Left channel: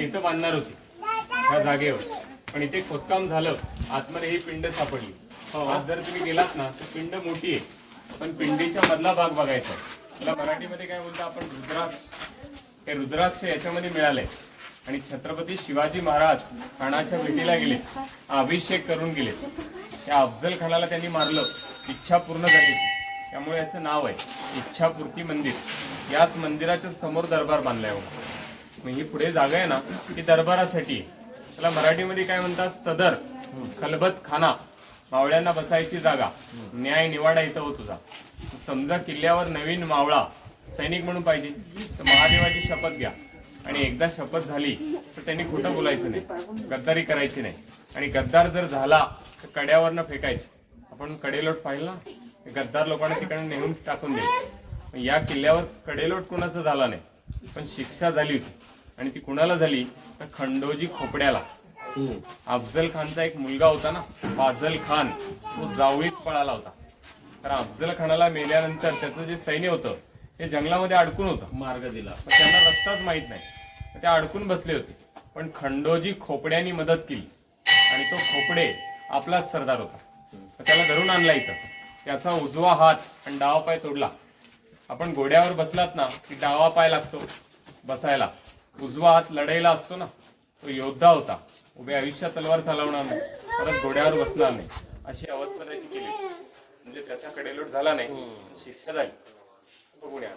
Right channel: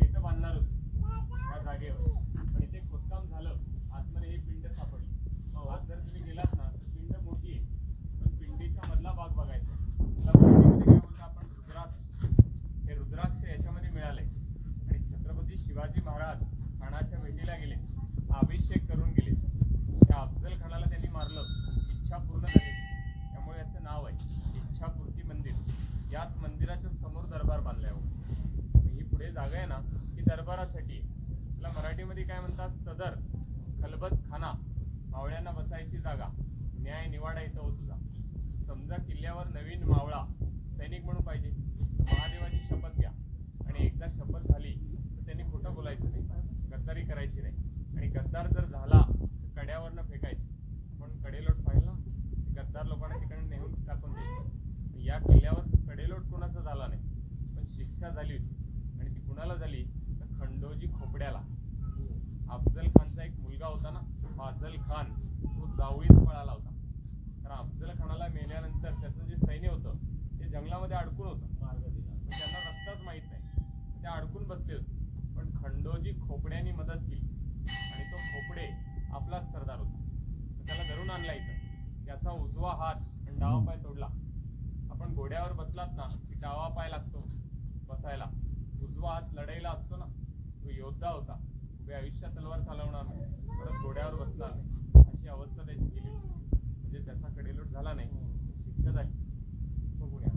ते इथं बांधणार होते. त्या जागेवर. पण इथे खोदकाम झालं आतमध्ये ही पिंड सापडली. आज जर तुम्ही गेलात ना तर पिंड मोठी आहे. पण पिंडीच्या मधला भाग बघायचा त्याला मराठीमध्ये काय बोलतो आपण? रुद्राक्ष. हे रुद्राक्ष याच्यामध्ये मिळाले आणि छत्रपती शिवाजी महाराज खानाच्या भेटीला गेले. अभिषेक करून गेले. त्या अफजल खानाला त्यांनी मारलं. इच्छा पूर्ण झाली. त्यामुळे याचं नाव आहे इच्छापूर्ती मंदिर. याच मंदिराच्या समोर दरबार बांधलाय. हो. मग ही पुढे जागा आहे ना ती दरबारासाठी. त्याला मराठीमध्ये काय म्हणतात? सदर खलबत खाना मावळ्यांना बसायची जागा. न्याय निवाडा इथं हो तुझा. समजा किल्ल्यावर नवीन मावळा सैनिक म्हणून पाहिजे तर महादेवाची शपथ घ्या. आणि एकदा शपथ झाली तर त्यांनी खोटं बोलायचं नाही. गद्दारी करायची नाही. आणि गद्दार जर झाला तर कड्यावरनं फेकायचे. आपण कडेलोट पाहिलं ना गद्दार लोकांना तिकडे नेऊन टाकून दिले या किल्ल्यावर कडेलोट कुणाचं झाला नाही पण शिक्षा झाली होती. आणि ती कुणाला झाली? तर खंडोजी खोपड्याला. अफजल खानचा एक मुलगा होता ना फाजल खान तो जावळीत पळाला होता. तर अफजल खानाला मेल्यानंतर त्याचं जे सैन्य होतं ते जंगलामध्ये अडकून होतं. मार्ग दिला. त्यांना रस्ताच माहीत नाही. ते अडकून बसले होते. पण खंडोजी खोपड्यांनी मदत केली. आणि तो खोपडे आपलाच सरदार होता. त्याला धरून आणला इथं. त्याचा उजवा हात आणि डावा पाय तोडला. आपण घोड्यावर बसलात ना की डावा पाय लागतो बसायला. उजवा हात लढाईला असतो ना तो योद्धा होता. उभे आयुष्यात तलवार चालवणार नाही. परत घोड्यावर बसणार नाही. अशी अवस्था त्याची केली. म्हणजे त्याचा कडेलोट झाला नाही. शिक्षा झाली. बघूया